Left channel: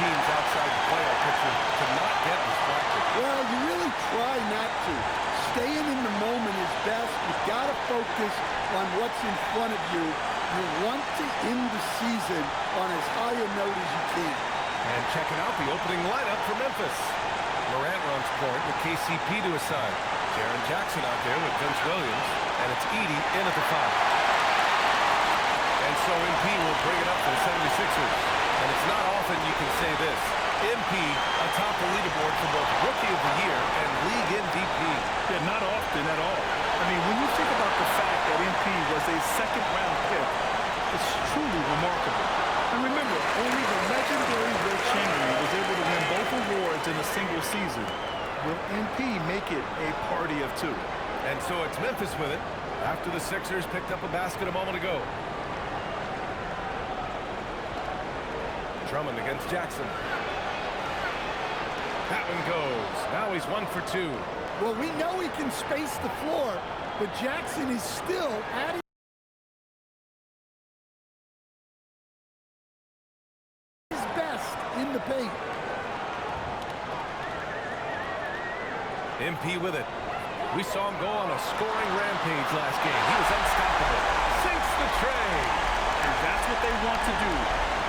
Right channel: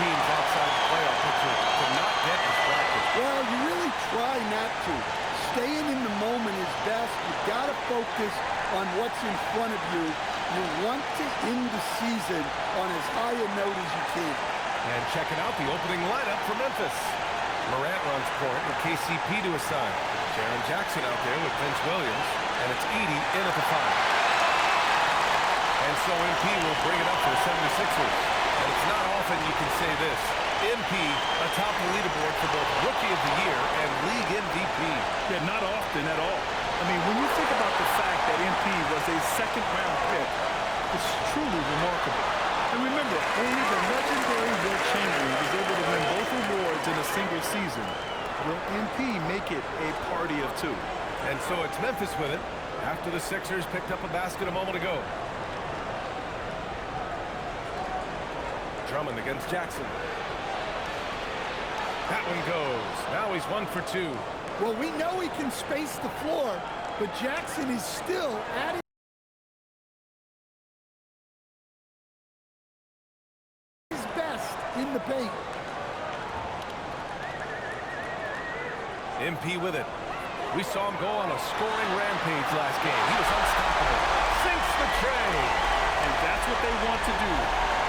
teams outside the playoff picture to not get distracted. Well, you really try not to. Staying in the moment is best. You've got to focus on what's in front of you. You want to end the season on as high a note as you can. And checking out the opening lineup for Memphis. Morant runs point with KCP to his side. Jaren Jackson out there with Vince Williams. And it's Edey in at the 5. And so MP will bring it up for the 76ers. And it's not often you can say this. MP atop the leaderboard for both Rookie of the Year and League MVP. Yeah, not often at all. I mean, when you think about the fact that MP was a second-round pick, it's truly remarkable. And remember, only the legendary Wilt Chamberlain was able to win both awards in a single season. Will MP make it a party of two? And so it's Memphis with it after the Sixers picked up a basket a moment ago. Drummond against Jackson. That one goes. Now he's 1 for 2. Well, we know he can space the floor, but Jackson is still at his best in the paint. MP with it. We saw him go on a scoring rampage last game. He was unstoppable. Sinks the tray. And that's what they want to do.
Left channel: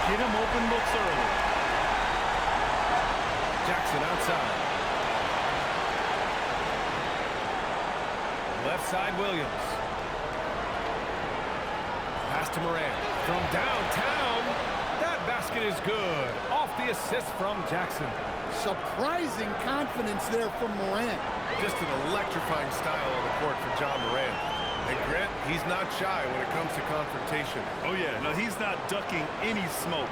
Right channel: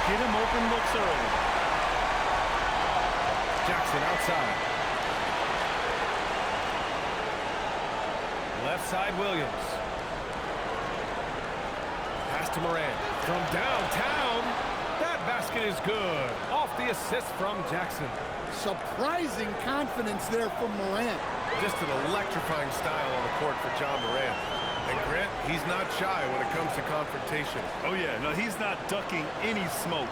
Get him open looks early. Jackson outside. Left side, Williams. Pass to Morant. From downtown. That basket is good. Off the assist from Jackson. Surprising confidence there from Morant. Just an electrifying style on the court for John Morant. And Grant, he's not shy when it comes to confrontation. Oh, yeah. No, he's not ducking any smoke.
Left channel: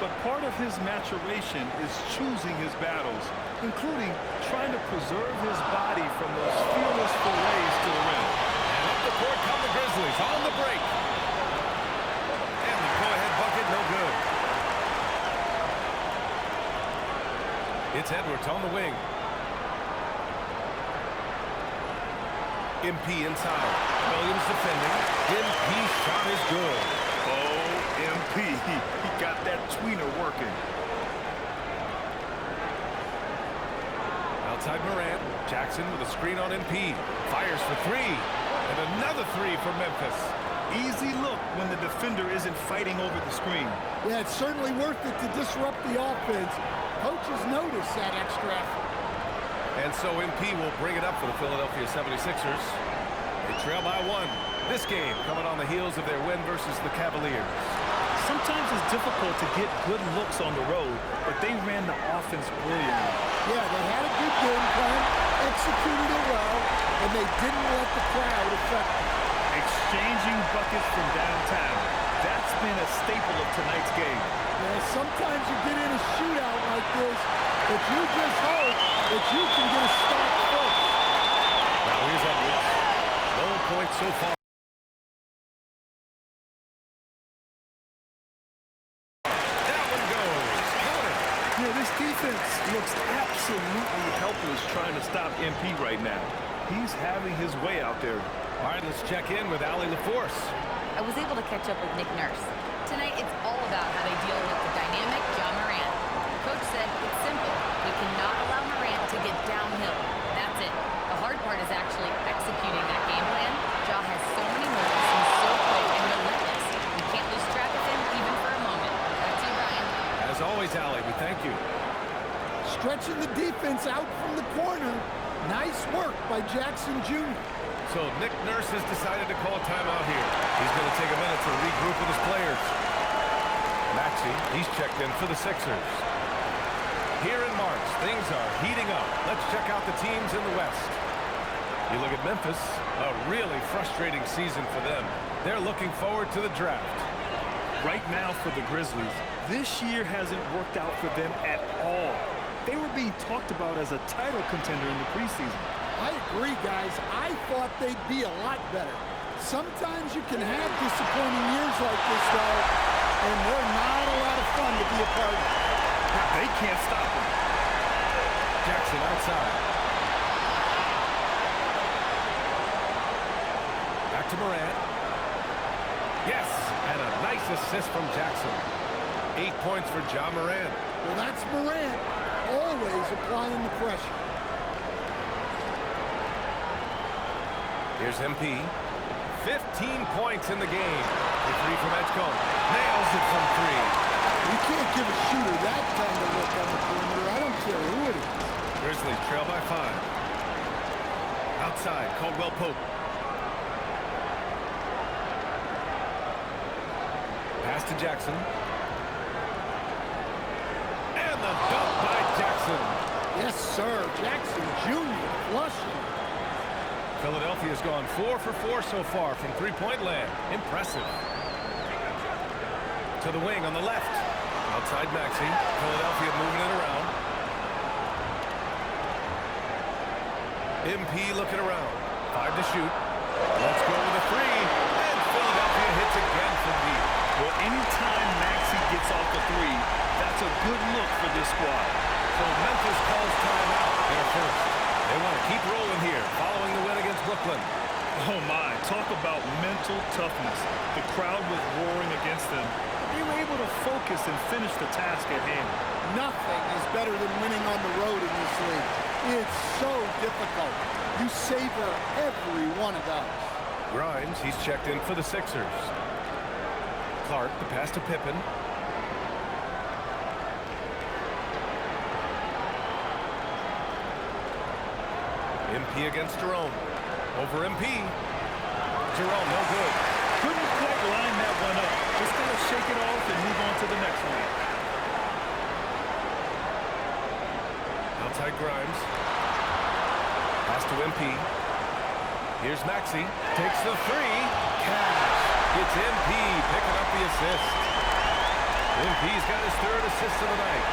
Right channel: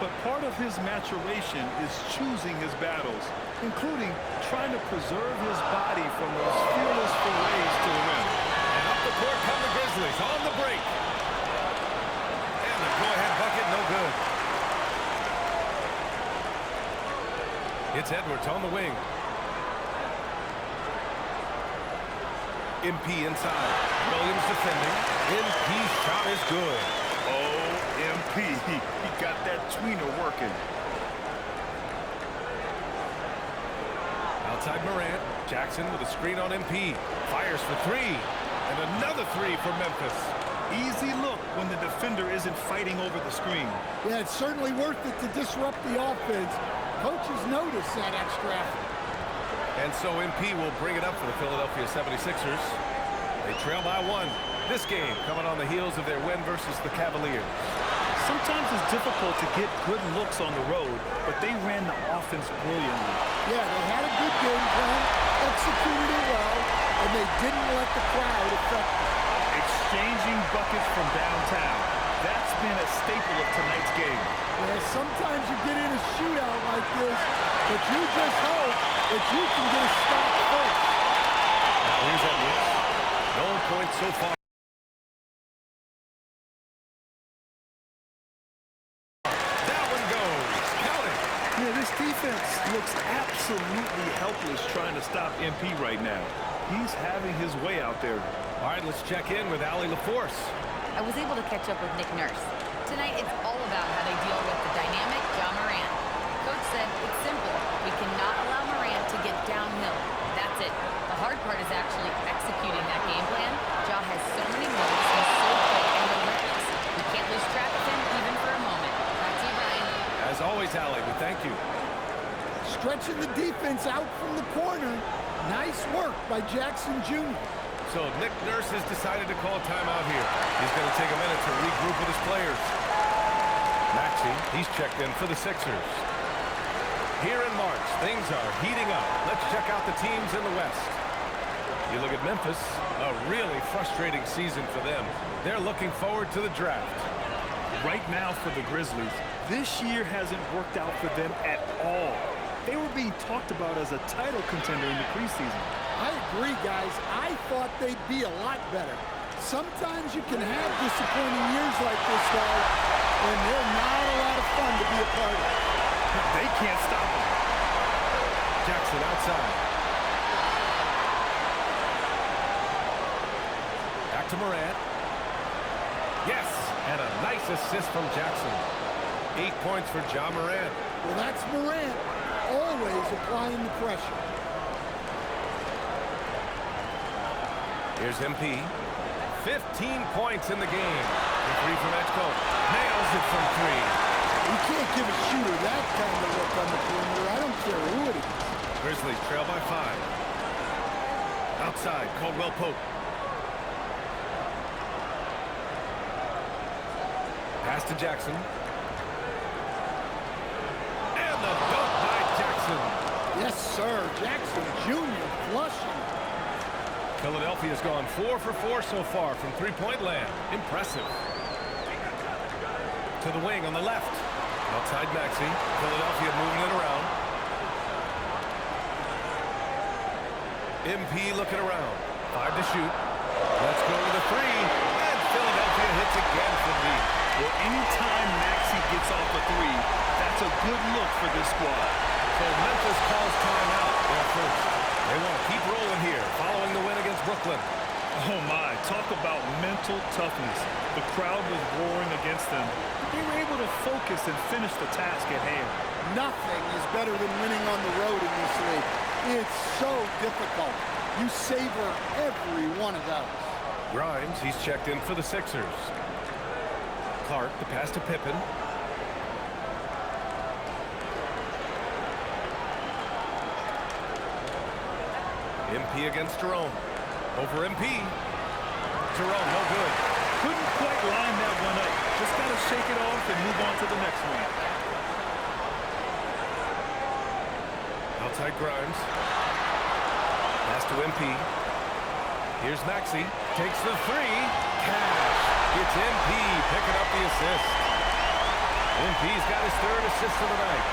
But part of his maturation is choosing his battles, including trying to preserve his body from those fearless forays to the rim. And up the court come the Grizzlies on the break. And the go-ahead bucket, no good. It's Edwards on the wing. MP inside. Williams defending. MP shot is good. Oh, MP. He got that tweener working. Outside Morant. Jackson with a screen on MP. Fires for 3. And another 3 for Memphis. Easy look when the defender isn't fighting over the screen. Yeah, it's certainly worth it to disrupt the offense. Coaches notice that extra effort. And so MP will bring it up for the Philadelphia 76ers. They trail by 1. This game coming on the heels of their win versus the Cavaliers. Sometimes it's difficult to get good looks on the road, but they ran the offense brilliantly. Yeah, they had a good game plan, executed it well, and they didn't let the crowd affect them. Exchanging buckets from downtown. That's been a staple of tonight's game. Yeah, sometimes you get in a shootout like this, but you just hope that you can get a stop first. Now here's Edwards. No points so far. That one goes. Count it. Yeah, this defense looks absolutely helpless trying to stop MP right now. He's having his way out there. All right, let's check in with Allie LaForce. I was able to catch up with Nick Nurse. Tonight, it's all about how they deal with the dynamic Ja Morant. Coach said it's simple. We cannot allow Morant to get downhill. That's it. The hard part is actually executing that game plan. Ja has so many moves. He's so quick and relentless. We can't lose track of him even for a moment. Back to you, Ryan. As always, Allie, we thank you. Stretching the defense out from the corner. Nice work by Jackson Jr. So Nick Nurse has decided to call a timeout here. He's going to take a minute to regroup with his players. Maxey, he's checked in for the Sixers. Here in March, things are heating up. Let's check out the teams in the West. You look at Memphis, a really frustrating season for them. They're looking forward to the draft. Right now for the Grizzlies, this year hasn't worked out for them at all. They were being talked about as a title contender in the preseason. I agree, guys. I thought they'd be a lot better. Sometimes you can have disappointing years like this, though, and they're not a lot of fun to be a part of. They can't stop him. Jackson outside. Back to Morant. Yes, and a nice assist from Jackson. 8 points for Ja Morant. Well, that's Morant, always applying the pressure. Here's MP. 15 points in the game. The three from Edgecombe. Nails it from three. You can't give a shooter that kind of look on the perimeter. I don't care who it is. Grizzlies trail by 5. Outside, Caldwell Pope. Pass to Jackson. And the dunk by Jackson. Yes, sir. Jackson Jr. flushing. Philadelphia's gone 4 for 4 so far from three-point land. Impressive. To the wing on the left. Outside Maxey. Philadelphia moving it around. MP looking around. 5 to shoot. Let's go with a three. And Philadelphia hits again from deep. Well, anytime Maxey gets off a three, that's a good look for this squad. So Memphis calls timeout. They're first. They want to keep rolling here following the win against Brooklyn. Oh my, talk about mental toughness. The crowd was roaring against them, but they were able to focus and finish the task at hand. Nothing is better than winning on the road in this league. It's so difficult. You savor every one of those. Grimes, he's checked in for the Sixers. Clark, the pass to Pippen. MP against Jerome. Over MP. Jerome, no good. Couldn't quite line that one up. Just got to shake it off and move on to the next one. Outside Grimes. Pass to MP. Here's Maxey. Takes the three. Cash. It's MP picking up the assist. MP's got his third assist of the night.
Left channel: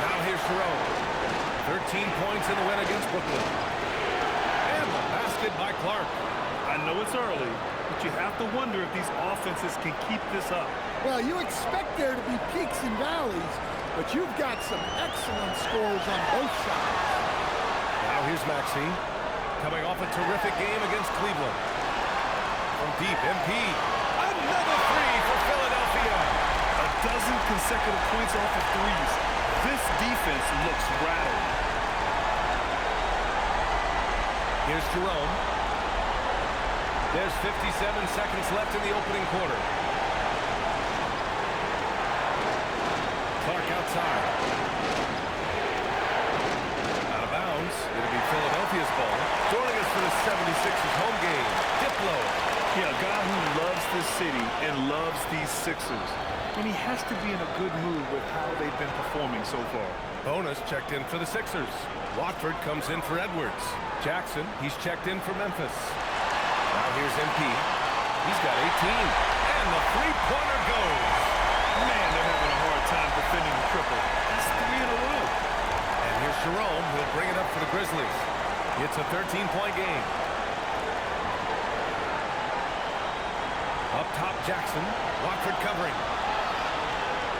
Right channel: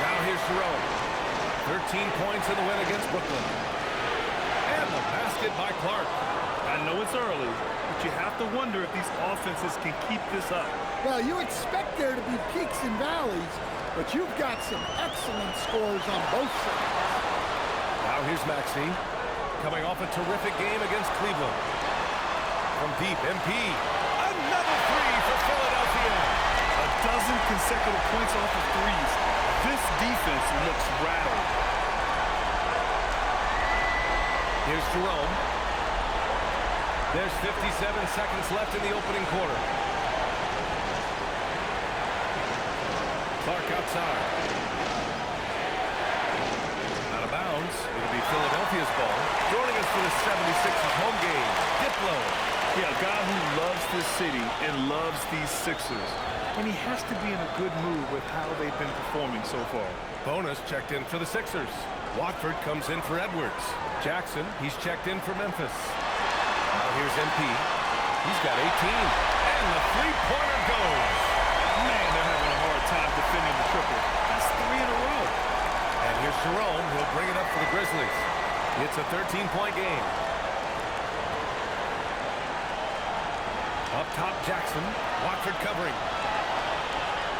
Now here's Jerome. 13 points in the win against Brooklyn. And the basket by Clark. I know it's early, but you have to wonder if these offenses can keep this up. Well, you expect there to be peaks and valleys, but you've got some excellent scores on both sides. Now here's Maxey, coming off a terrific game against Cleveland. From deep, MP. Another three for Philadelphia. A dozen consecutive points off of threes. This defense looks rattled. Here's Jerome. There's 57 seconds left in the opening quarter. Clark outside. Out of bounds. It'll be Philadelphia's ball. Joining us for the 76ers home game, Diplo. Yeah, a guy who loves this city and loves these Sixers. And he has to be in a good mood with how they've been performing so far. Bonus checked in for the Sixers. Watford comes in for Edwards. Jackson, he's checked in for Memphis. Now here's MP. He's got 18. And the three-pointer goes. Man, they're having a hard time defending the triple. That's 3 in a row. And here's Jerome. He'll bring it up for the Grizzlies. It's a 13-point game. Up top, Jackson. Watford covering.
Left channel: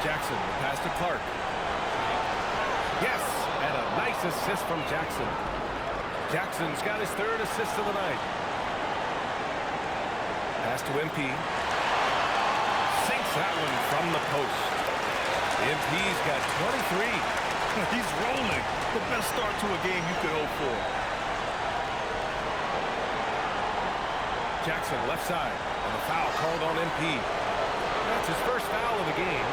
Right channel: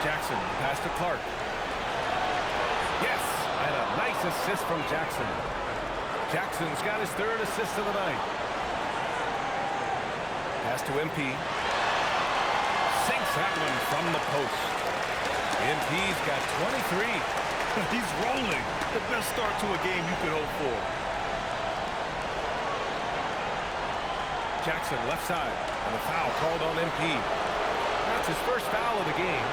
Jackson, the pass to Clark. Yes, and a nice assist from Jackson. Jackson's got his third assist of the night. Pass to MP. Sinks that one from the post. MP's got 23. He's rolling. The best start to a game you could hope for. Jackson left side, and the foul called on MP. That's his first foul of the game.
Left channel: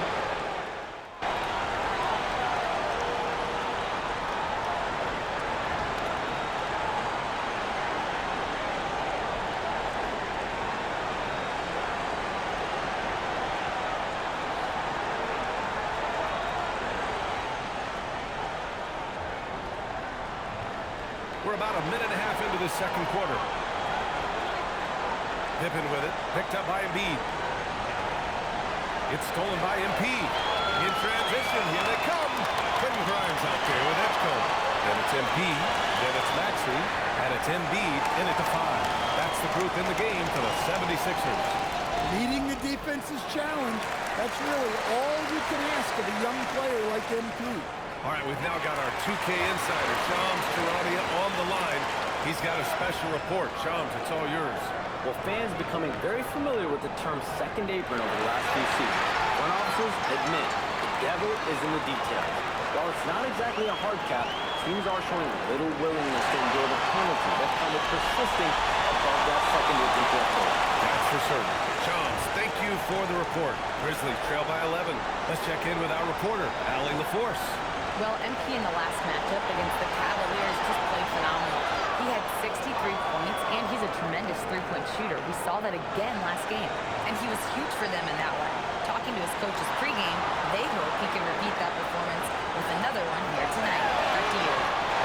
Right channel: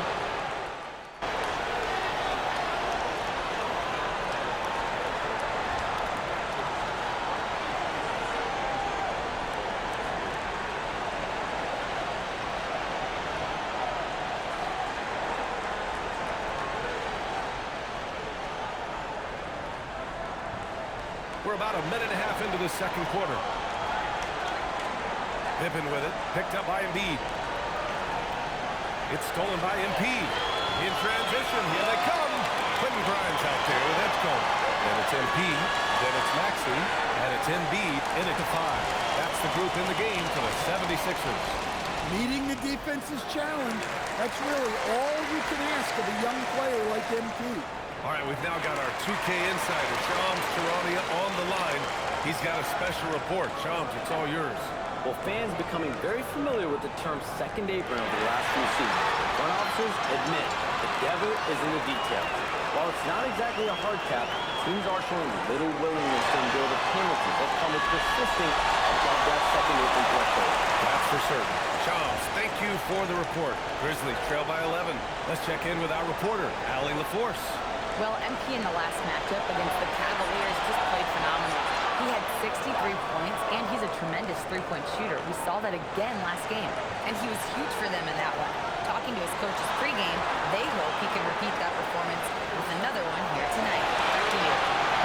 We're about a minute and a half into the second quarter. Pippen with it, picked up by Embiid. It's stolen by MP. In transition, here they come. Quentin Grimes out there with Edgecombe. Then it's MP, then it's Maxey, and it's Embiid in it to 5. That's the group in the game for the 76ers. Meeting the defense's challenge, that's really all you can ask of a young player like MP. All right, we've now got our 2K insider, Shams Charania, on the line. He's got a special report. Shams, it's all yours. Well, fans becoming very familiar with the term second apron over the last few seasons. Front offices admit the devil is in the details. While it's not exactly a hard cap, teams are showing little willingness to endure the penalties that come with persisting above that second apron threshold. That's for certain. Shams, thank you for the report. Grizzlies trail by 11. Let's check in with our reporter, Allie LaForce. Well, MP in the last matchup against the Cavaliers just played phenomenal. He had 63 points, and he's a tremendous three-point shooter. We saw that again last game, and he was huge for them in that one. Talking to his coaches pregame, they hope he can repeat that performance with another one here tonight. Back to you.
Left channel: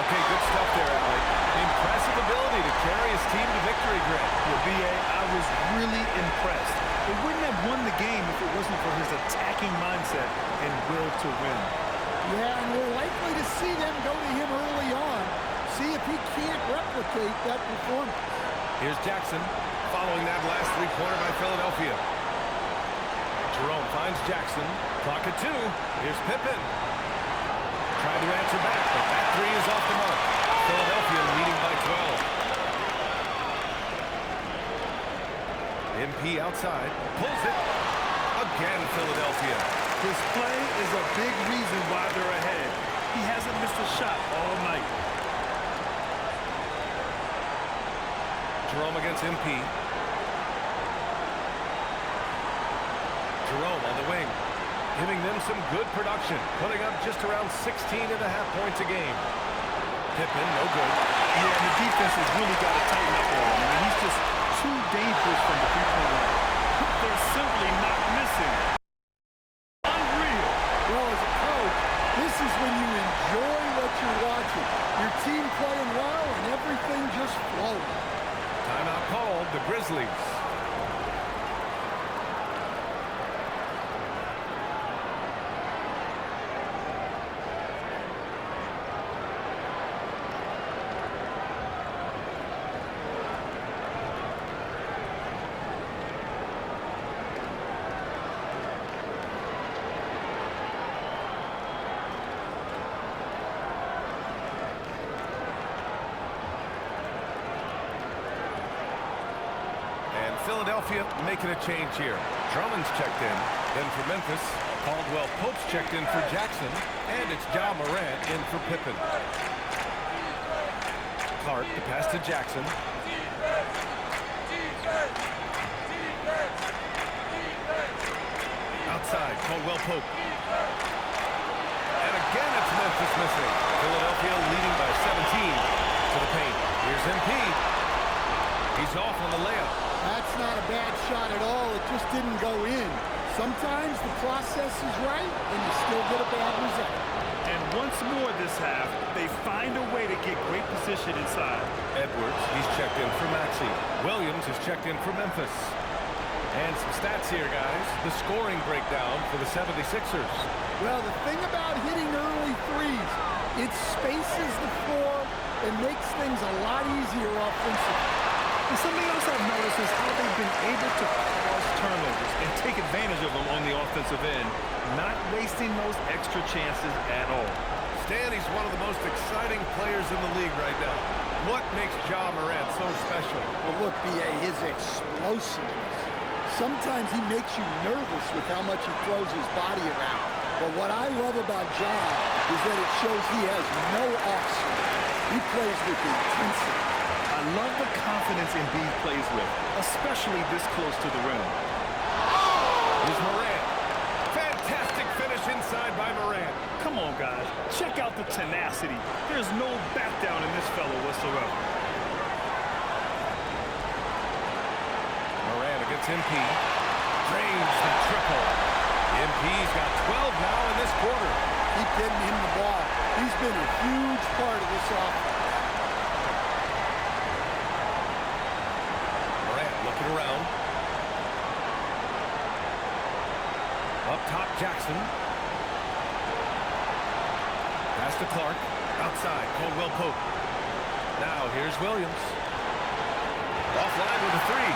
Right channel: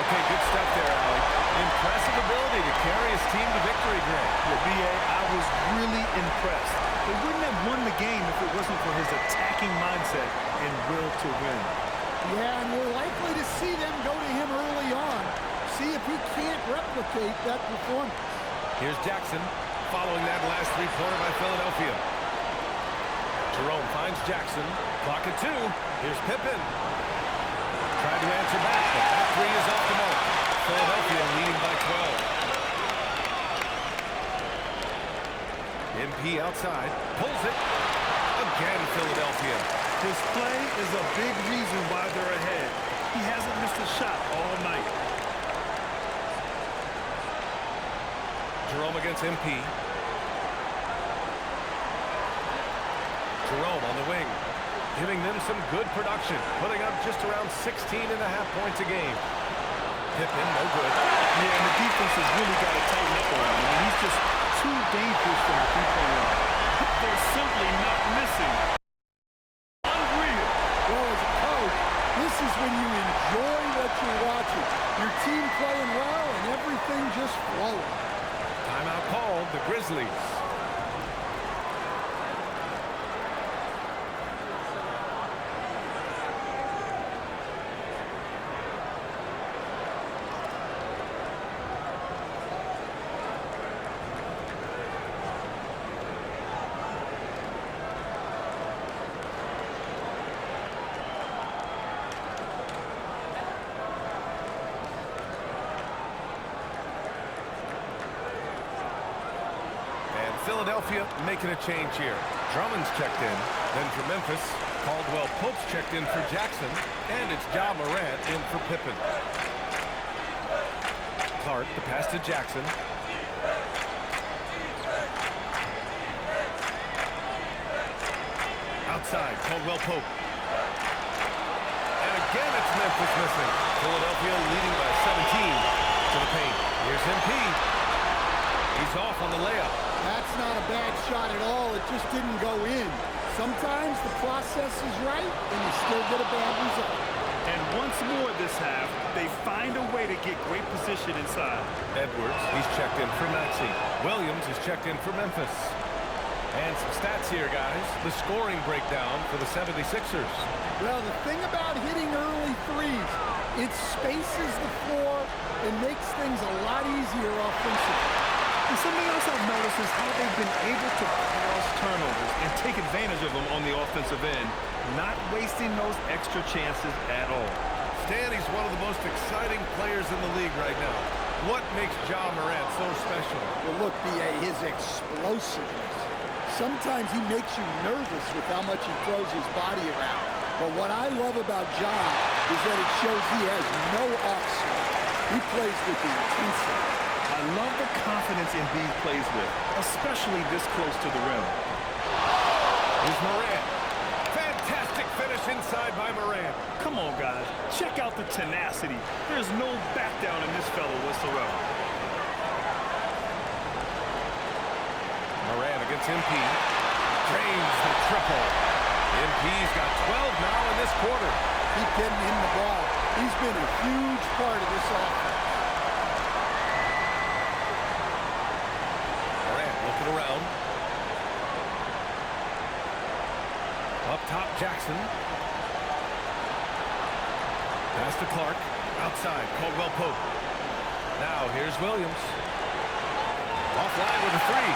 Okay, good stuff there, Allie. Impressive ability to carry his team to victory, Greg. Yeah, B.A., I was really impressed. They wouldn't have won the game if it wasn't for his attacking mindset and will to win. Yeah, and we're likely to see them go to him early on. See if he can't replicate that performance. Here's Jackson, following that last three-pointer by Philadelphia. Jerome finds Jackson. Clock at 2. Here's Pippen. Tried to answer back, but that three is off the mark. Philadelphia leading by 12. MP outside. Pulls it. Again, Philadelphia. His play is a big reason why they're ahead. He hasn't missed a shot all night. Jerome against MP. Jerome on the wing, giving them some good production, putting up just around 16.5 points a game. Pippen, no good. Yeah, and the defense has really got to tighten up on him. I mean, he's just too dangerous from the three-point line. They're simply not missing. Unreal. Well, as a coach, this is when you enjoy what you're watching. Your team playing well and everything just flowing. Timeout called, the Grizzlies. And Philadelphia making a change here. Drummond's checked in. Then for Memphis, Caldwell Pope's checked in for Jackson. And it's Ja Morant in for Pippen. Clark, the pass to Jackson. Outside, Caldwell Pope. And again, it's Memphis missing. Philadelphia leading by 17 to the paint. Here's MP. He's off on the layup. That's not a bad shot at all. It just didn't go in. Sometimes the process is right, and you still get a bad result. And once more this half, they find a way to get great position inside. Edwards, he's checked in for Maxey. Williams is checked in for Memphis. And some stats here, guys. The scoring breakdown for the 76ers. Well, the thing about hitting early threes, it spaces the floor and makes things a lot easier offensively. And something else I've noticed is how they've been able to cause turnovers and take advantage of them on the offensive end, not wasting those extra chances at all. Stan, he's one of the most exciting players in the league right now. What makes Ja Morant so special? Well, look, B.A., his explosiveness. Sometimes he makes you nervous with how much he throws his body around. But what I love about Ja is that it shows he has no off-swing. He plays with intensity. I love the confidence Embiid plays with, especially this close to the rim. Here's Morant. Fantastic finish inside by Morant. Come on, guys. Check out the tenacity. There's no back down in this fellow whatsoever. Morant against MP. Drains the triple. MP's got 12 now in this quarter. Keep getting him the ball. He's been a huge part of this offense. Morant looking around. Up top, Jackson. Pass to Clark. Outside, Caldwell Pope. Now here's Williams. Offline with a three.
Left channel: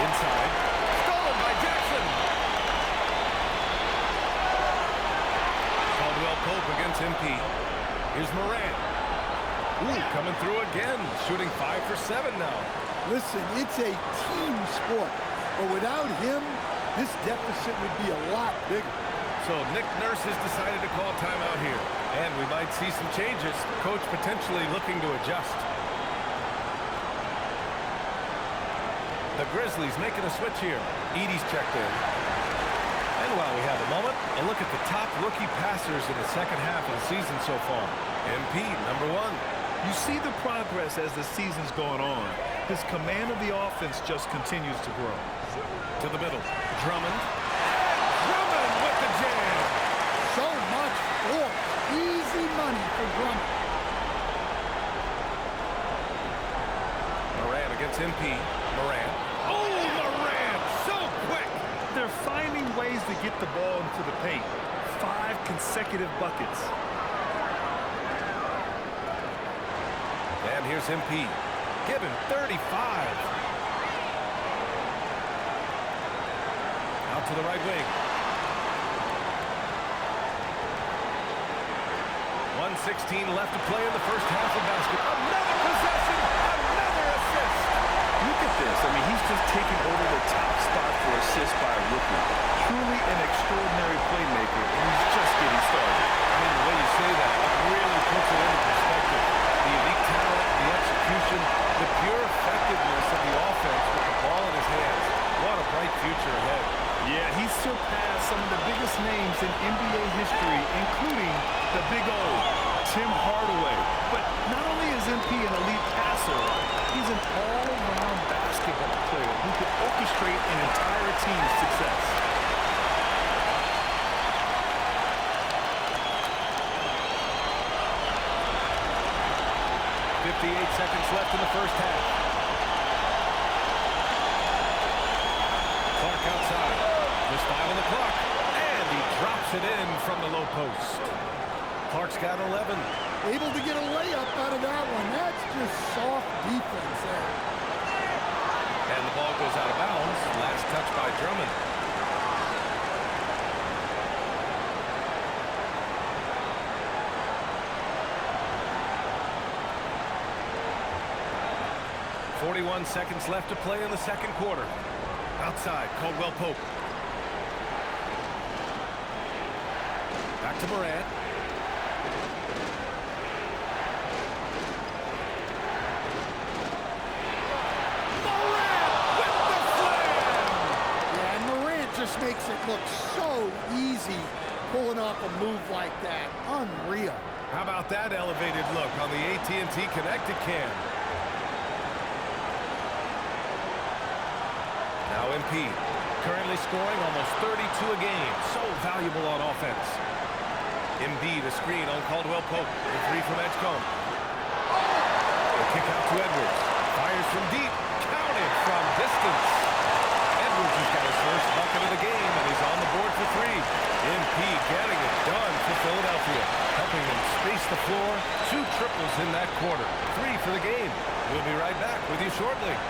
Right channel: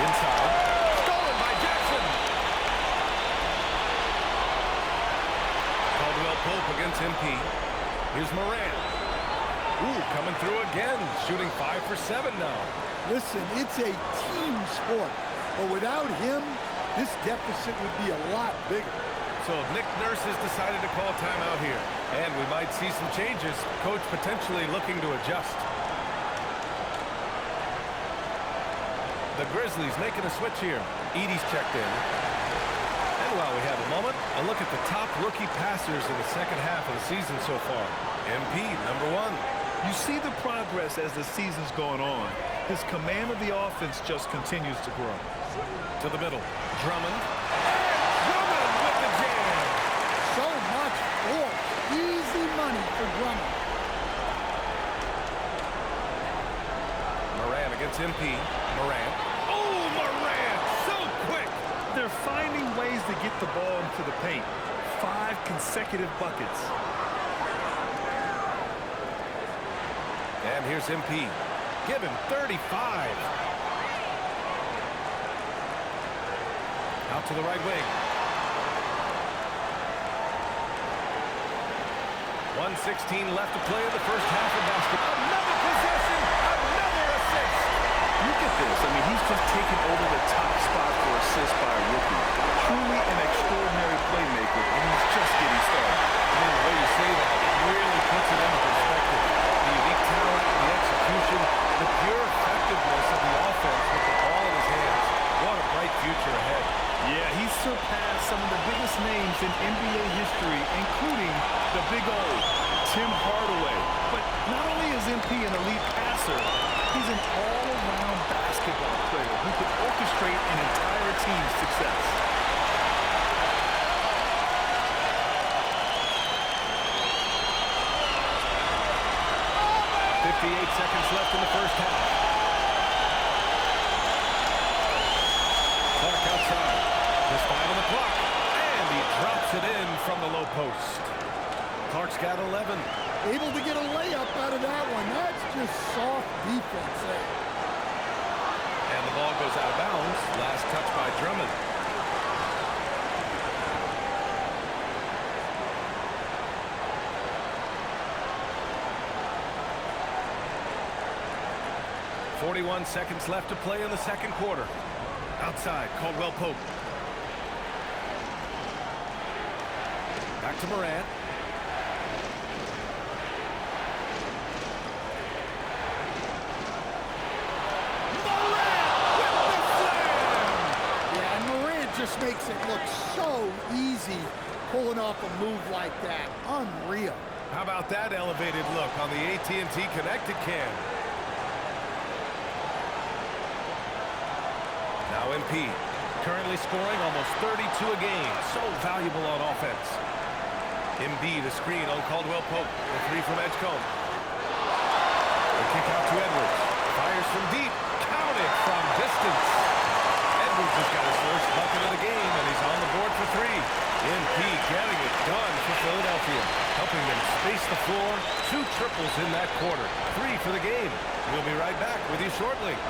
Inside. Stolen by Jackson. Caldwell Pope against MP. Here's Morant. Ooh, coming through again, shooting 5 for 7 now. Listen, it's a team sport, but without him, this deficit would be a lot bigger. So Nick Nurse has decided to call timeout here, and we might see some changes. Coach potentially looking to adjust. The Grizzlies making a switch here. Edey's checked in. And while we have a moment, a look at the top rookie passers in the second half of the season so far. MP, number 1. You see the progress as the season's going on. His command of the offense just continues to grow. To the middle, Drummond. And Drummond with the jam. So much force. Easy money for Drummond. Morant against MP. Morant. Oh, Morant! So quick! They're finding ways to get the ball into the paint. 5 consecutive buckets. And here's MP. Give him 35. Out to the right wing. 1:16 left to play in the first half of basketball. Another possession, another assist. Look at this. I mean, he's just taken over the top spot for assists by a rookie. Truly an extraordinary playmaker, and he's just getting started. I mean, the way you say that, it really puts it into perspective. The unique talent, the execution, the pure effectiveness of the offense with the ball in his hands. What a bright future ahead. Yeah, he's surpassed some of the biggest names in NBA history, including the Big O, Tim Hardaway. But not only is MP an elite passer, he's an all-around basketball player who could orchestrate an entire team's success. .58 seconds left in the first half. Clark outside. Just 5 on the clock. And he drops it in from the low post. Clark's got 11. Able to get a layup out of that one. That's just soft defense there. And the ball goes out of bounds. Last touch by Drummond. .41 seconds left to play in the second quarter. Outside, Caldwell Pope. Back to Morant. Morant with the slam! Yeah, and Morant just makes it look so easy pulling off a move like that. Unreal. How about that elevated look on the AT&T Connected Cam? Now MP, currently scoring almost 32 a game. So valuable on offense. Embiid, a screen on Caldwell Pope. The 3 from Edgecombe. The kick out to Edwards. Fires from deep. Counted from distance. Edwards has got his first bucket of the game, and he's on the board for 3. MP getting it done for Philadelphia, helping them space the floor. 2 triples in that quarter. 3 for the game. We'll be right back with you shortly.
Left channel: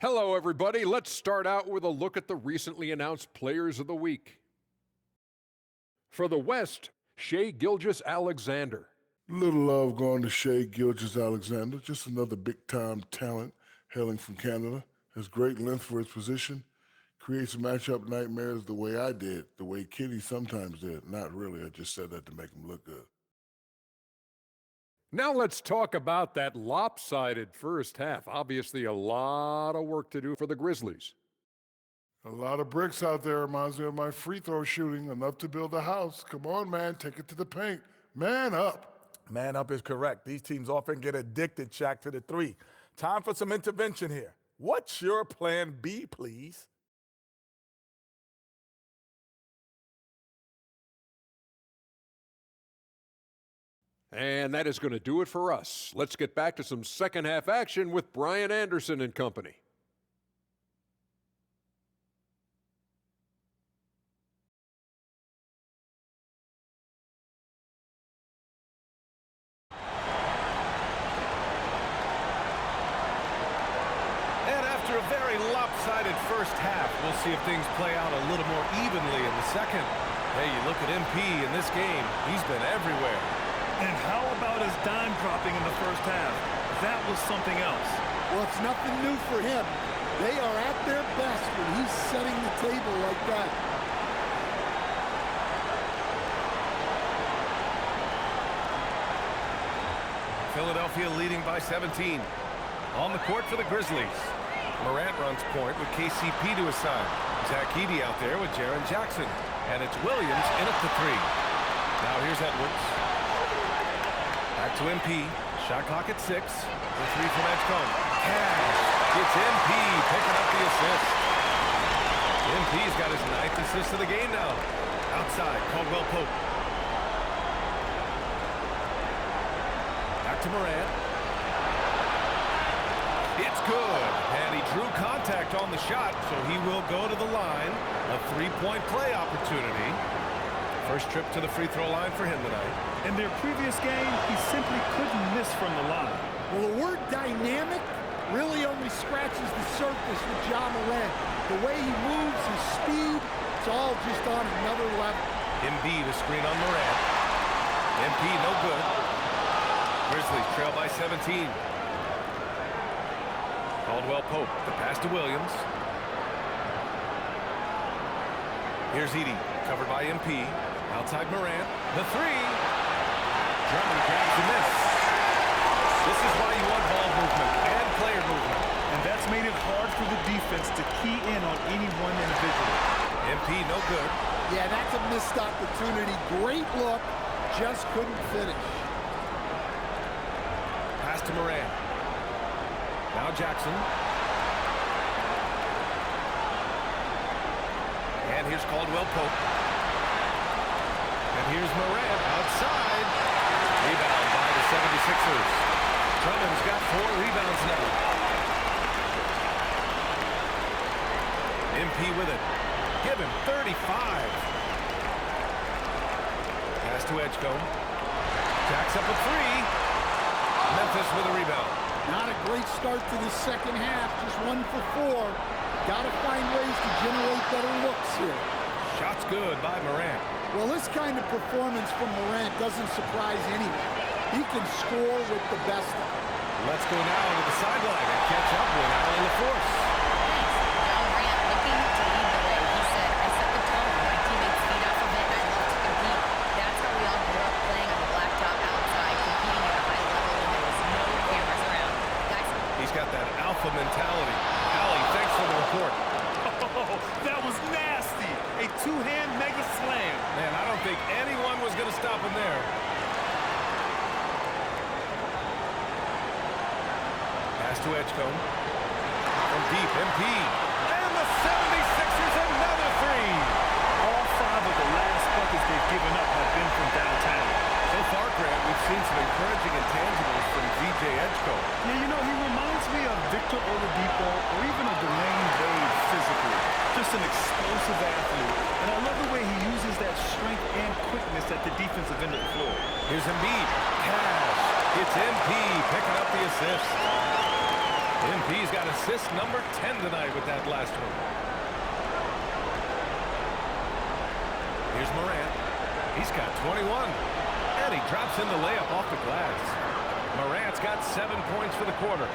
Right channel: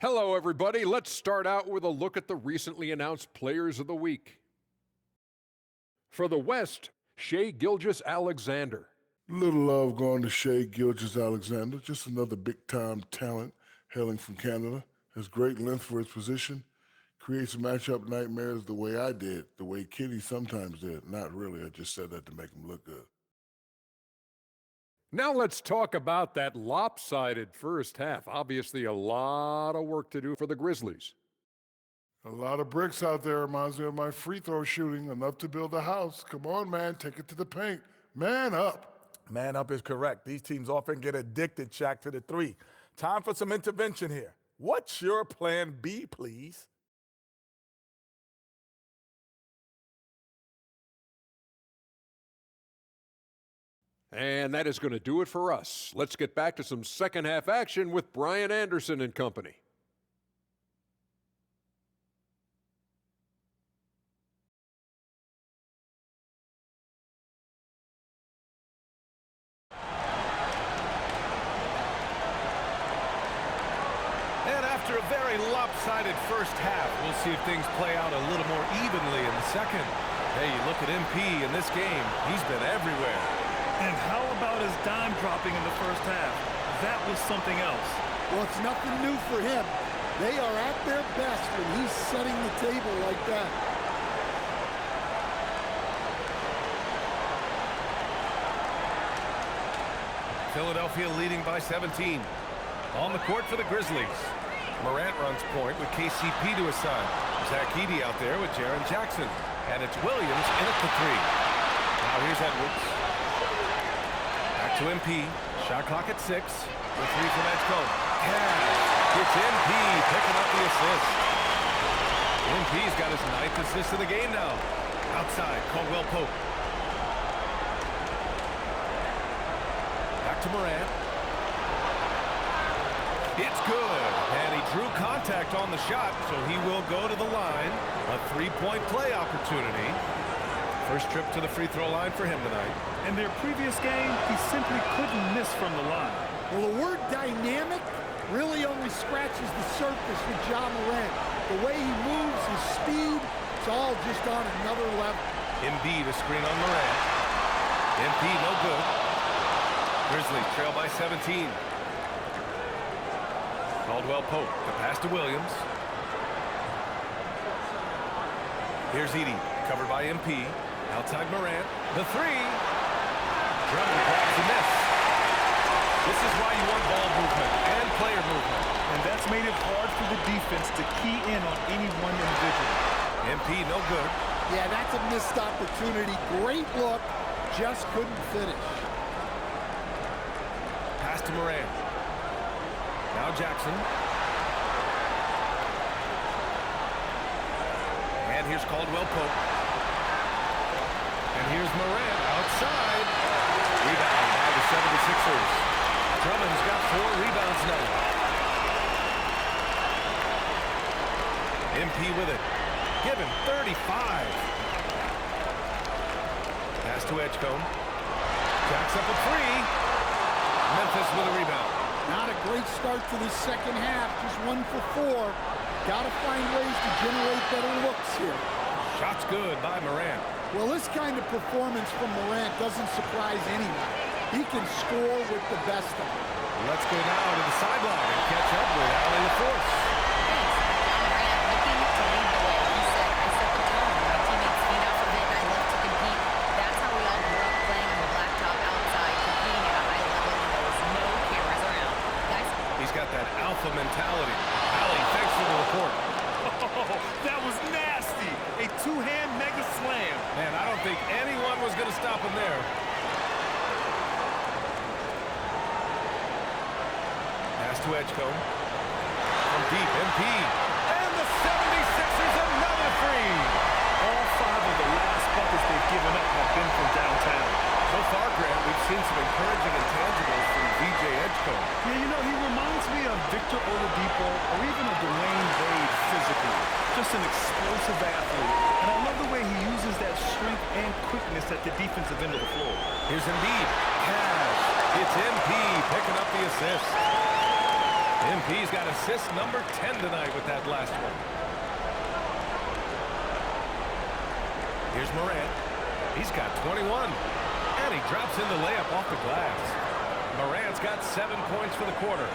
Hello, everybody. Let's start out with a look at the recently announced Players of the Week. For the West, Shai Gilgeous-Alexander. Little love going to Shai Gilgeous-Alexander, just another big-time talent hailing from Canada. Has great length for his position, creates matchup nightmares the way I did, the way Kitty sometimes did. Not really, I just said that to make him look good. Now let's talk about that lopsided first half. Obviously, a lot of work to do for the Grizzlies. A lot of bricks out there reminds me of my free throw shooting, enough to build a house. Come on, man, take it to the paint. Man up. Man up is correct. These teams often get addicted, Shaq, to the 3. Time for some intervention here. What's your plan B, please? And that is going to do it for us. Let's get back to some second half action with Brian Anderson and company. after a very lopsided first half, we'll see if things play out a little more evenly in the second. Hey, you look at MP in this game, he's been everywhere. And how about his dime dropping in the first half? That was something else. Well, it's nothing new for him. They are at their best when he's setting the table like that. Philadelphia leading by 17. On the court for the Grizzlies. Morant runs point with KCP to his side. Zach Edey out there with Jaren Jackson. And it's Williams in at the three. Now here's Edwards. Back to MP. Shot clock at 6. The three from Edgecombe. Cash. It's MP picking up the assist. MP's got his 9th assist of the game now. Outside, Caldwell Pope. Back to Morant. It's good. And he drew contact on the shot, so he will go to the line. A three-point play opportunity. First trip to the free throw line for him tonight. In their previous game, he simply couldn't miss from the line. Well, the word dynamic really only scratches the surface with Ja Morant. The way he moves, his speed, it's all just on another level. Embiid a screen on Morant. MP no good. Grizzlies trail by 17. Caldwell Pope, the pass to Williams. Here's Edey, covered by MP. Outside Morant, the three. Drummond grabs the miss. This is why you want ball movement and player movement. And that's made it hard for the defense to key in on any one individual. MP no good. Yeah, that's a missed opportunity. Great look, just couldn't finish. Pass to Morant. Now Jackson. And here's Caldwell Pope. And here's Morant outside. Rebound by the 76ers. Drummond's got 4 rebounds now. MP with it. Give him 35. Pass to Edgecombe. Jacks up a 3. Memphis with a rebound. Not a great start to the second half, just 1 for 4. Got to find ways to generate better looks here. Shot's good by Morant. Well, this kind of performance from Morant doesn't surprise anyone. He can score with the best of them. Let's go now to the sideline and catch up with Allie LaForce. Thanks. Ja Morant looking to lead the way. He said, I set the tone. My teammates feed off of it, and I love to compete. That's how we all grew up playing on the blacktop outside, competing at a high level when there was no cameras around. Guys? He's got that alpha mentality. Allie, thanks for the report. Oh, that was nasty. A two-hand mega slam. Man, I don't think anyone was going to stop him there. Pass to Edgecombe. From deep, MP. And the 76ers another 3. All 5 of the last buckets they've given up have been from downtown. So far, Grant, we've seen some encouraging intangibles from VJ Edgecombe. Yeah, you know, he reminds me of Victor Oladipo or even a Dwayne Wade physically. Just an explosive athlete. And I love the way he uses that strength and quickness at the defensive end of the floor. Here's Embiid. Cash. It's MP picking up the assist. MP's got assist number 10 tonight with that last one. Here's Morant. He's got 21. And he drops in the layup off the glass. Morant's got 7 points for the quarter.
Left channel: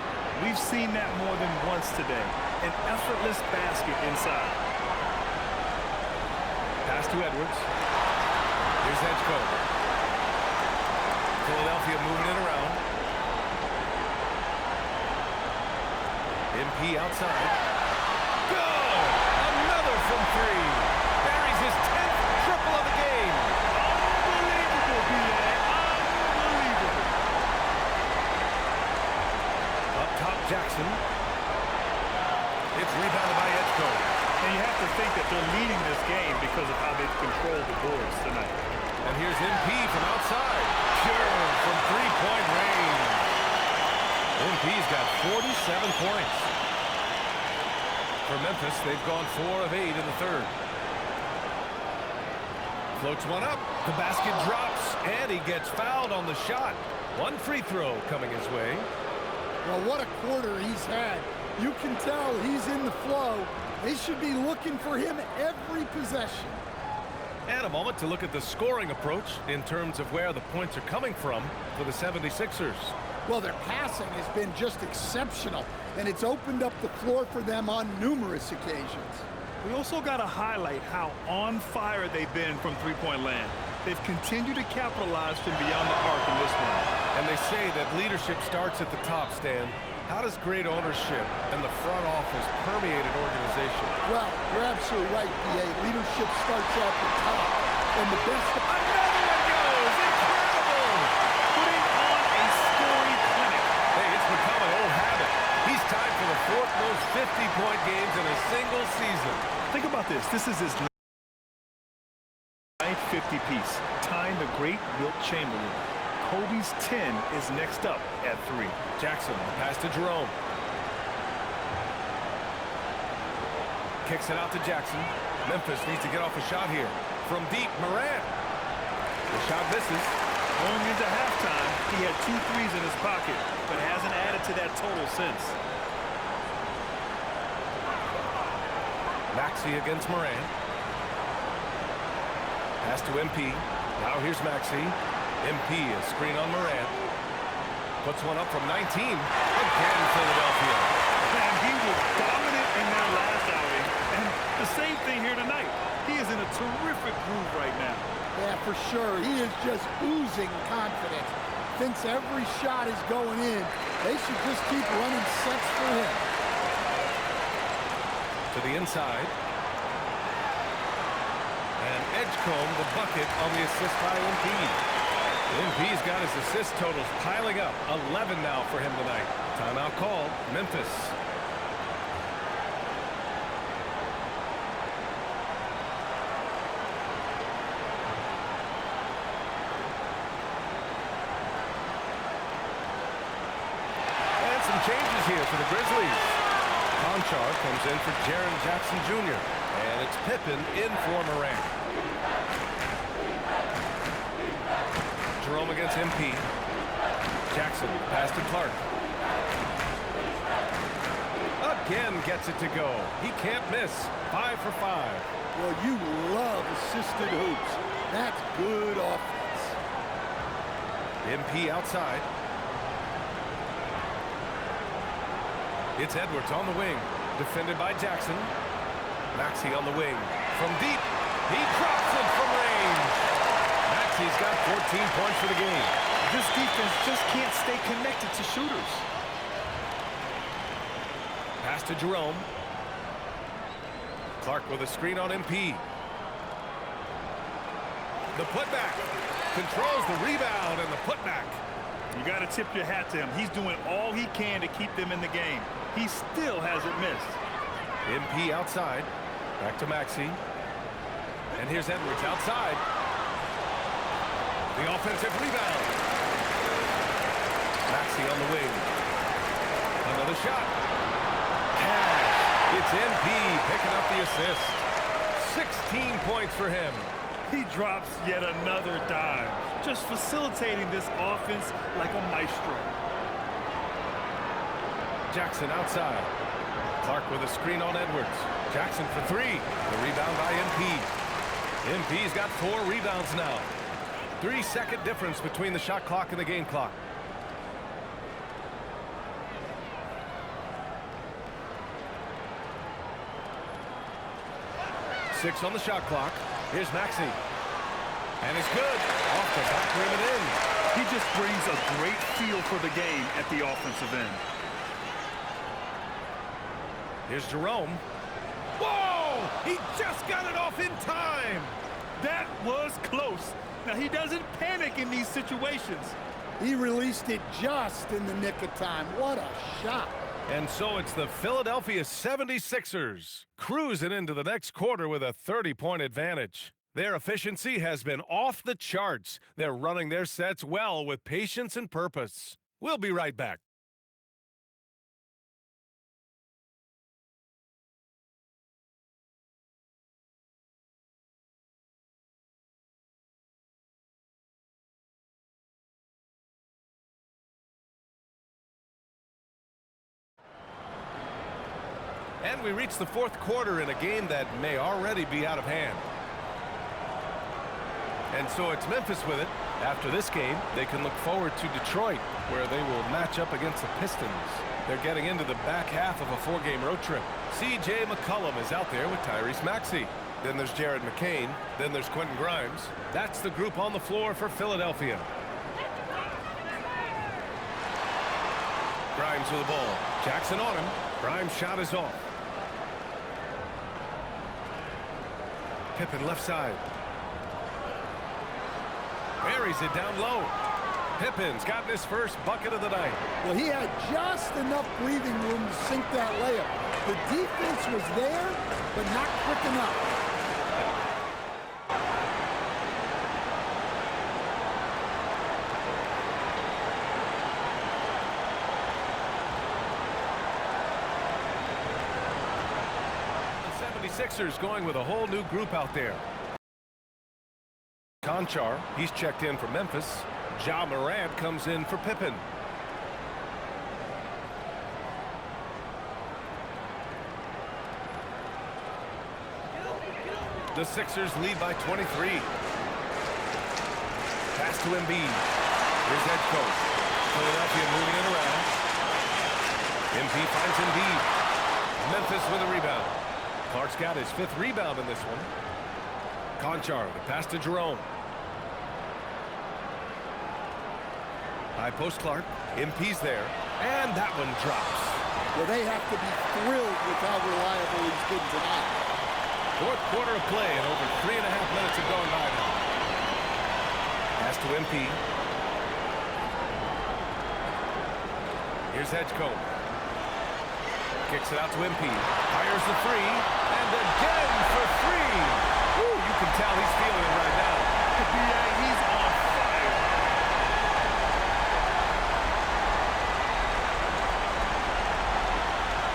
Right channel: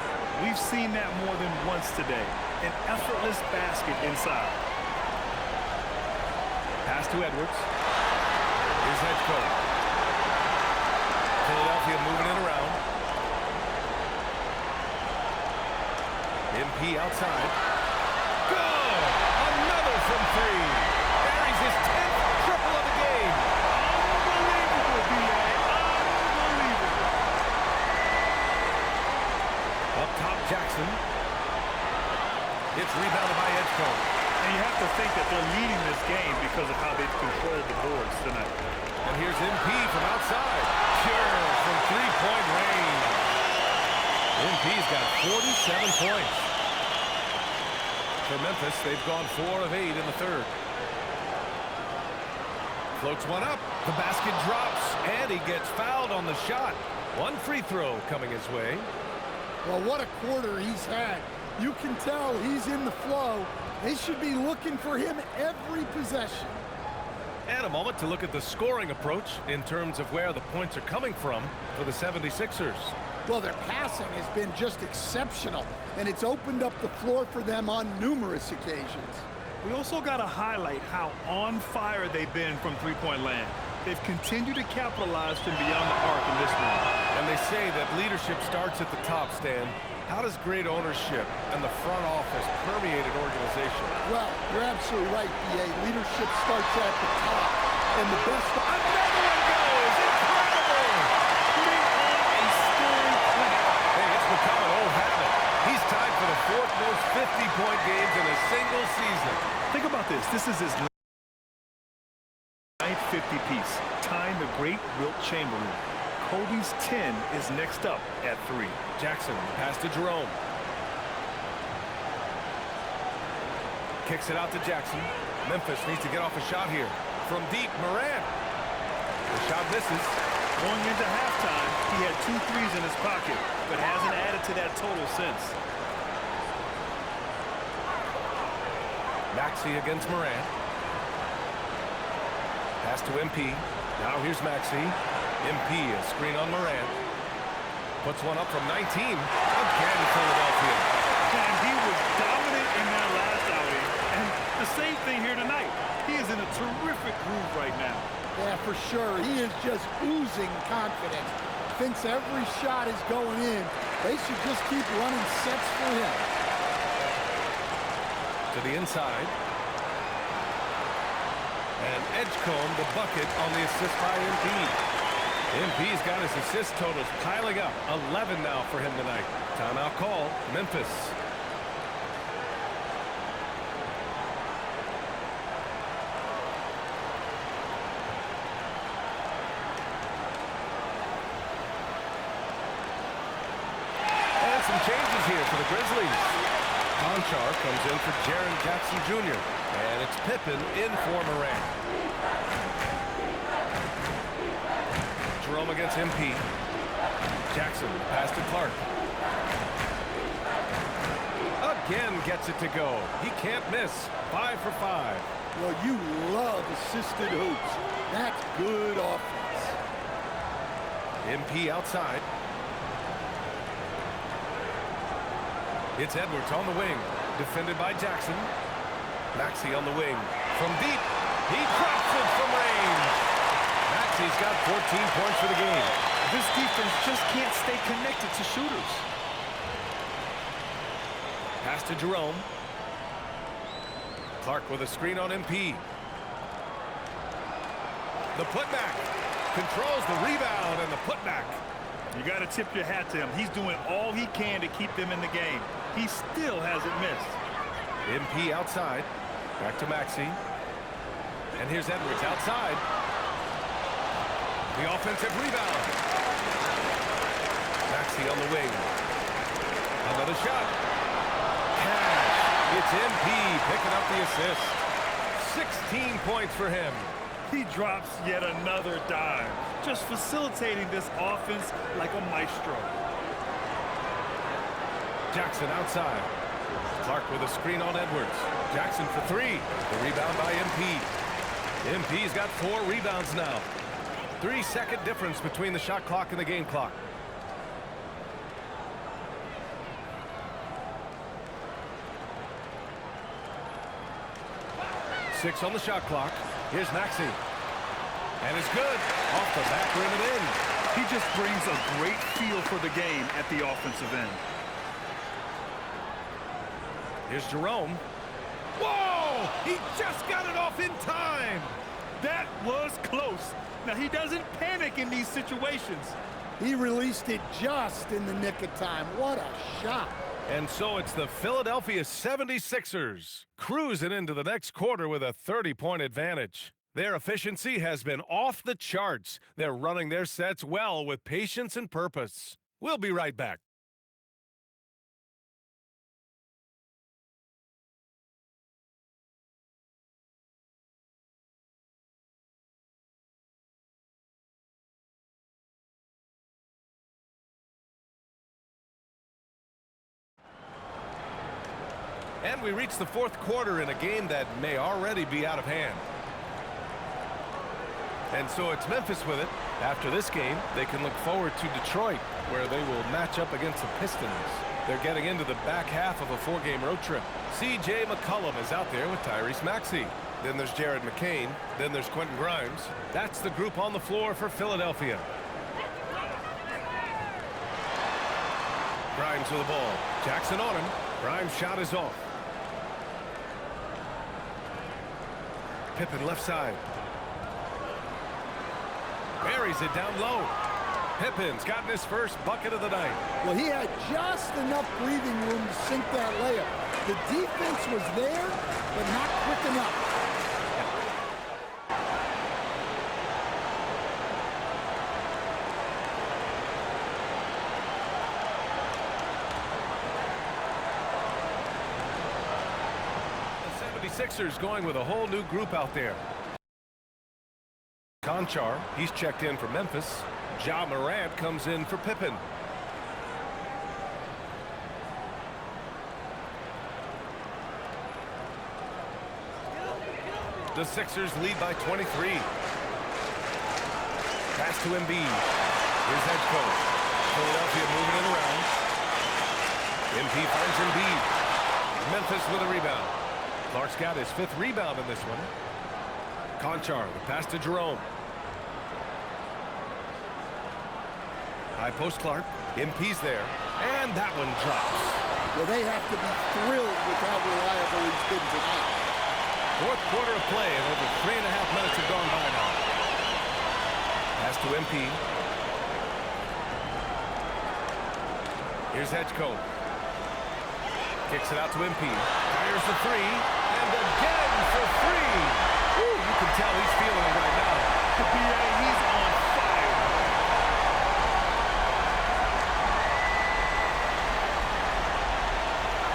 We've seen that more than once today. An effortless basket inside. Pass to Edwards. Here's Edgecombe. Philadelphia moving it around. MP outside. Good! Another from 3. Buries his 10th triple of the game. Unbelievable, B.A. Unbelievable. Up top, Jackson. It's rebounded by Edgecombe. And you have to think that they're leading this game because of how they've controlled the boards tonight. And here's MP from outside. Pure from three-point range. MP's got 47 points. For Memphis, they've gone 4 of 8 in the third. Floats one up. The basket drops, and he gets fouled on the shot. One free throw coming his way. Well, what a quarter he's had. You can tell he's in the flow. They should be looking for him every possession. And a moment to look at the scoring approach in terms of where the points are coming from for the 76ers. Well, their passing has been just exceptional, and it's opened up the floor for them on numerous occasions. We also got to highlight how on fire they've been from three-point land. They've continued to capitalize from beyond the arc in this one. And they say that leadership starts at the top, Stan. How does great ownership and the front office permeate an organization? Well, you're absolutely right, B.A. Leadership starts at the top, and the best... Another one goes! Incredible! Putting on a scoring clinic. Hey, it's become an old habit. He's tied for the 4th most 50-point games in a single season. Think about this. This is his 9th 50-piece, tying the great Wilt Chamberlain. Kobe's 10 is next up at 3. Jackson, the pass to Jerome. Kicks it out to Jackson. Memphis needs to get off a shot here. From deep, Morant. The shot misses. Going into halftime, he had 2 threes in his pocket, but hasn't added to that total since. Maxey against Morant. Pass to MP. Now here's Maxey. MP, a screen on Morant. Puts one up from 19. Again, Philadelphia. And he was dominant in their last outing. And the same thing here tonight. He is in a terrific groove right now. Yeah, for sure. He is just oozing confidence. Thinks every shot is going in. They should just keep running sets for him. To the inside. And Edgecombe, the bucket on the assist by MP. MP's got his assist totals piling up. 11 now for him tonight. Timeout call, Memphis. And some changes here for the Grizzlies. Conchar comes in for Jaren Jackson Jr. And it's Pippen in for Morant. Jerome against MP. Jackson, pass to Clark. Again gets it to go. He can't miss. 5 for 5. Well, you love assisted hoops. That's good offense. MP outside. It's Edwards on the wing. Defended by Jackson. Maxey on the wing. From deep. He drops it from range. Maxey's got 14 points for the game. This defense just can't stay connected to shooters. Pass to Jerome. Clark with a screen on MP. The putback. Controls the rebound and the putback. You got to tip your hat to him. He's doing all he can to keep them in the game. He still hasn't missed. MP outside. Back to Maxey. And here's Edwards outside. The offensive rebound. Maxey on the wing. Another shot. Cash. It's MP picking up the assist. 16 points for him. He drops yet another dime, just facilitating this offense like a maestro. Jackson outside. Clark with a screen on Edwards. Jackson for 3. The rebound by MP. MP's got 4 rebounds now. 3-second difference between the shot clock and the game clock. Six on the shot clock. Here's Maxey. And it's good. Off the back rim and in. He just brings a great feel for the game at the offensive end. Here's Jerome. Whoa! He just got it off in time. That was close. Now, he doesn't panic in these situations. He released it just in the nick of time. What a shot. And so it's the Philadelphia 76ers cruising into the next quarter with a 30-point advantage. Their efficiency has been off the charts. They're running their sets well with patience and purpose. We'll be right back. And we reach the fourth quarter in a game that may already be out of hand. And so it's Memphis with it. After this game, they can look forward to Detroit, where they will match up against the Pistons. They're getting into the back half of a 4-game road trip. C.J. McCollum is out there with Tyrese Maxey. Then there's Jared McCain. Then there's Quentin Grimes. That's the group on the floor for Philadelphia. Grimes with the ball. Jackson on him. Grimes' shot is off. Pippen left side. Buries it down low. Pippen's gotten his first bucket of the night. Well, he had just enough breathing room to sink that layup. The defense was there, but not quick enough. The 76ers going with a whole new group out there. Conchar, he's checked in for Memphis. Ja Morant comes in for Pippen. The Sixers lead by 23. Pass to Embiid. Here's Edgecoat. Philadelphia moving it around. MP finds Embiid. Memphis with a rebound. Clark's got his 5th rebound in this one. Conchar, the pass to Jerome. High post Clark. MP's there. And that one drops. Well, they have to be thrilled with how reliable he's been tonight. Fourth quarter of play, and over 3.5 minutes have gone by now. Pass to MP. Here's Edgecoat. Kicks it out to MP. Fires the 3. And again for 3. Woo, you can tell he's feeling it right now. B.A., he's on fire.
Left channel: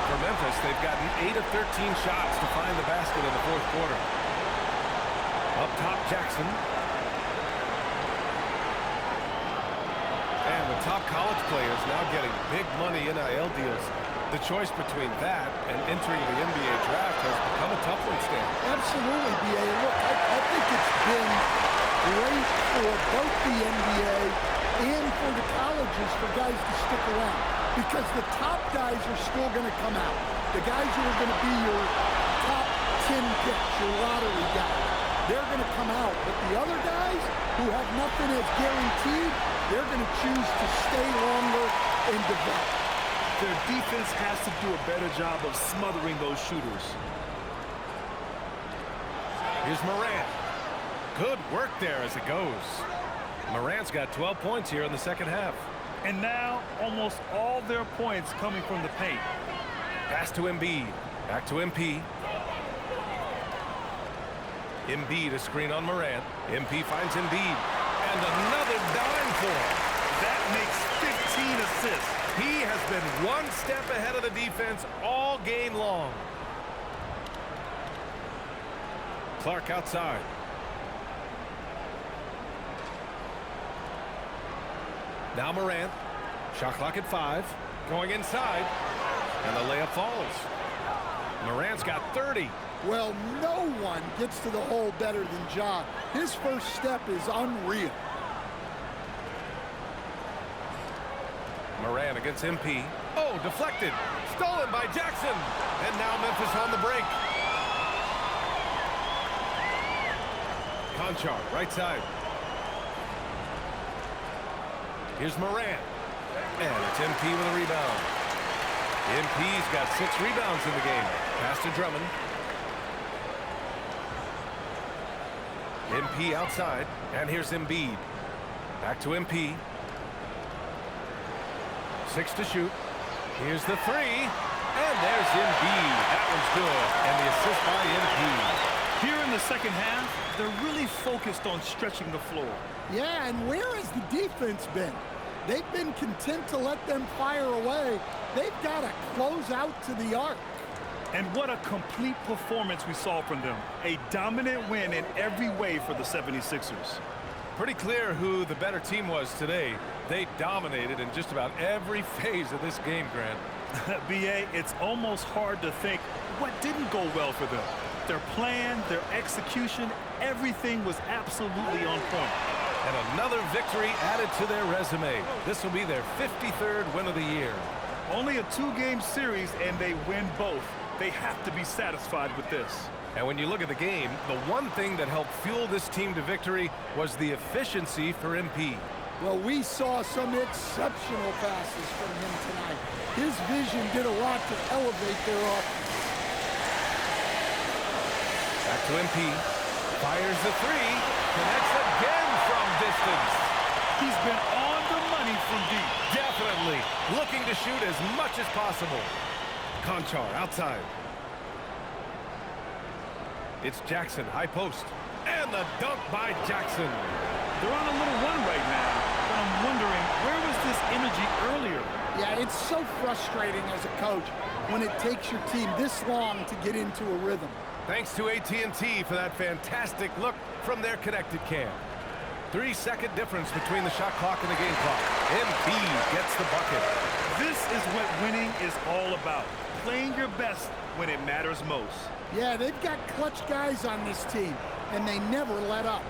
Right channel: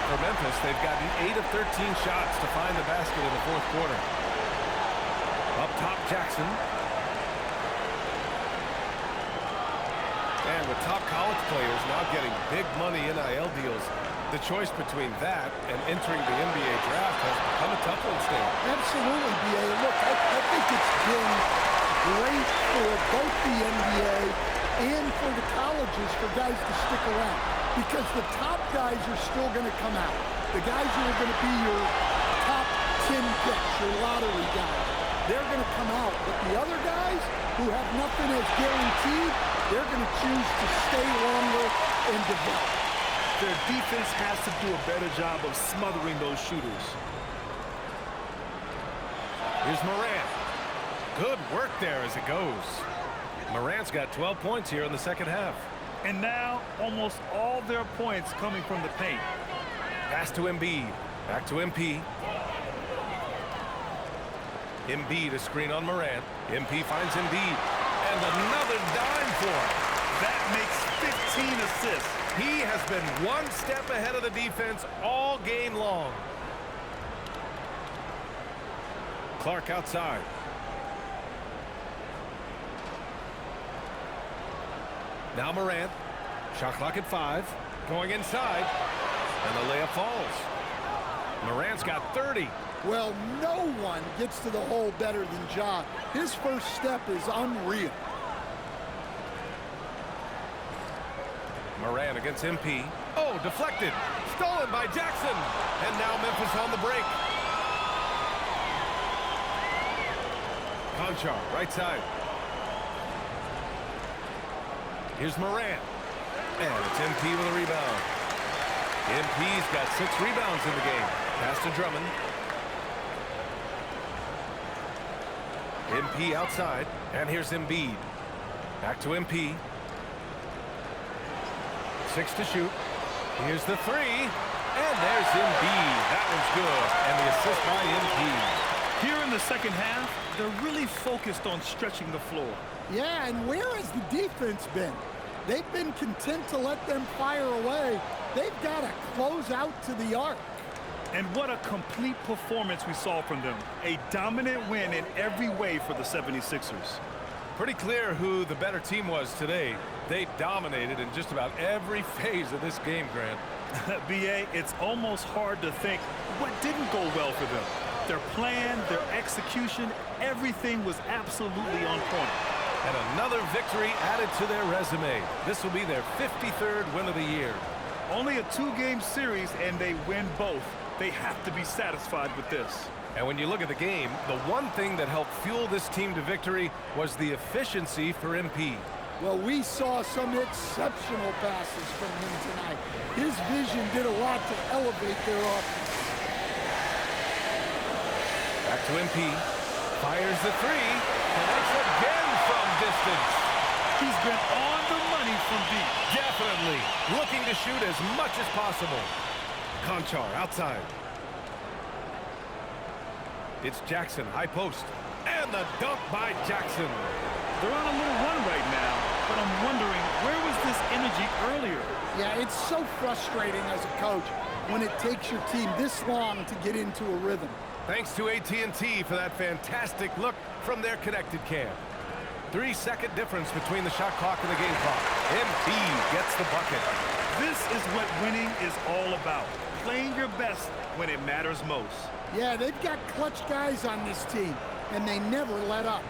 For Memphis, they've gotten 8 of 13 shots to find the basket in the fourth quarter. Up top, Jackson. And with top college players now getting big money NIL deals, the choice between that and entering the NBA draft has become a tough one, Stan. Absolutely, B.A. Look, I think it's been great for both the NBA and for the colleges for guys to stick around, because the top guys are still going to come out. The guys who are going to be your top 10 picks, your lottery guys, they're going to come out. But the other guys who have nothing as guaranteed, they're going to choose to stay longer and develop. Their defense has to do a better job of smothering those shooters. Here's Morant. Good work there as it goes. Morant's got 12 points here in the second half. And now, almost all their points coming from the paint. Pass to Embiid. Back to MP. Embiid, a screen on Morant. MP finds Embiid. And another dime for him. That makes 15 assists. He has been one step ahead of the defense all game long. Clark outside. Now Morant. Shot clock at 5. Going inside. And the layup falls. Morant's got 30. Well, no one gets to the hole better than Ja. His first step is unreal. Morant against MP. Oh, deflected. Stolen by Jackson. And now Memphis on the break. Conchar, right side. Here's Morant. And it's MP with a rebound. MP's got 6 rebounds in the game. Pass to Drummond. MP outside. And here's Embiid. Back to MP. 6 to shoot. Here's the 3. And there's Embiid. That one's good. And the assist by MP. Here in the second half, they're really focused on stretching the floor. Yeah, and where has the defense been? They've been content to let them fire away. They've got to close out to the arc. And what a complete performance we saw from them. A dominant win in every way for the 76ers. Pretty clear who the better team was today. They dominated in just about every phase of this game, Grant. B.A., it's almost hard to think what didn't go well for them. Their plan, their execution, everything was absolutely on point. And another victory added to their resume. This will be their 53rd win of the year. Only a 2-game series, and they win both. They have to be satisfied with this. And when you look at the game, the one thing that helped fuel this team to victory was the efficiency for MP. Well, we saw some exceptional passes from him tonight. His vision did a lot to elevate their offense. Back to MP. Fires the three. Connects again from distance. He's been on the money from deep. Definitely. Looking to shoot as much as possible. Conchar outside. It's Jackson, high post. And the dunk by Jackson. They're on a little run right now, but I'm wondering, where was this energy earlier? Yeah, it's so frustrating as a coach when it takes your team this long to get into a rhythm. Thanks to AT&T for that fantastic look from their connected cam. 3-second difference between the shot clock and the game clock. MP gets the bucket. This is what winning is all about. Playing your best when it matters most. Yeah, they've got clutch guys on this team, and they never let up.